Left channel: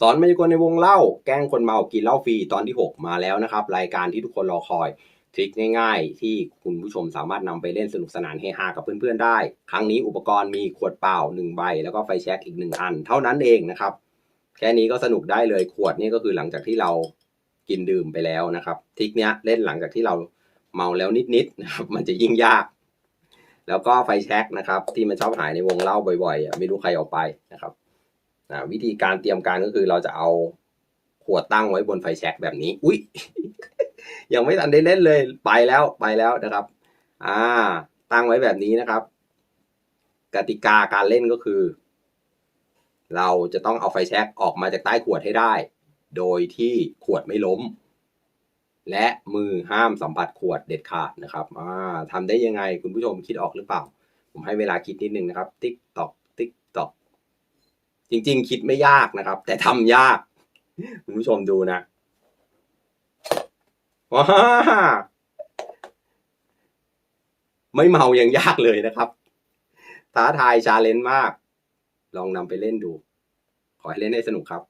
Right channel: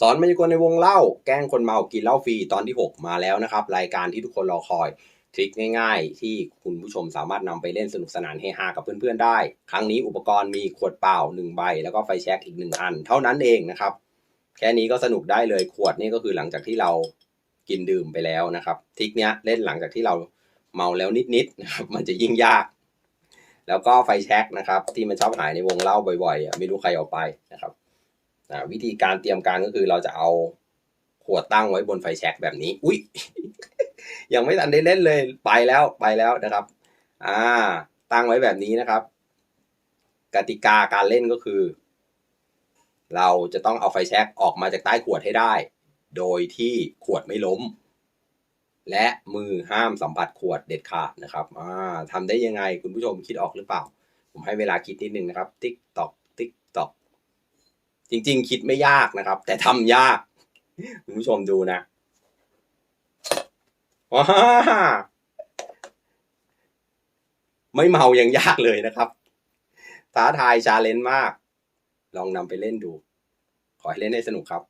สอนมายากลในวงเล่า แกล้งคนเมากินเหล้าฟรีตอนที่ 6 มาแล้วนะครับ รายการที่ทุกคนรอคอยทริคง่ายๆ ที่คุณผู้ชมสามารถนำไปเล่นสนุกสนานเฮฮากับเพื่อนๆได้ ครั้งนี้อุปกรณ์มีขวดเปล่า 1 ใบ แล้วก็ไฟแช็กอีก 1 อัน เท่านั้นเองนะครับ แค่นี้ก็สนุกได้เลยขวดนี่ก็คือหลังจากที่เรากินดื่มไปแล้วนะครับทริคเนี้ยเล่นหลังจากที่เราเมาแล้วนิดๆนะครับมันจะยิ่งยาก แล้วก็ไฟแช็กนะครับ ที่มันชอบหายในวงเล่าบ่อยๆไม่รู้ใครเอาไปนะครับ อ่าวิธีการเตรียมการก็คือเราจะเอาขวดตั้งไว้บนไฟแช็กแบบนี้ อุ้ยยังไม่ทันได้เล่นเลยไปแล้วไปแล้วนะครับ อ่า ตั้งไว้แบบนี้นะครับ กติกาการเล่นก็คือ เราจะต้องเอาไฟแช็กออกมาจากใต้ขวดให้ได้ โดยที่ขวดไม่ล้ม และมือห้ามสัมผัสขวดเด็ดขาดนะครับอ่าทำได้ยังไงคุณผู้ชมคิดออกหรือเปล่า ผมให้เวลาคิดนิดนึงนะครับ ติ๊กตอกติ๊กตอก จริง ๆ คิดไม่ยากนะครับ แต่ทำยากคุณผู้ชมดูนะว้าไม่เมายังยากเลยนะครับ ท้าทายชาเลนจ์มาก ลองนำไปเล่นดู ขอให้เล่นให้สนุกครับ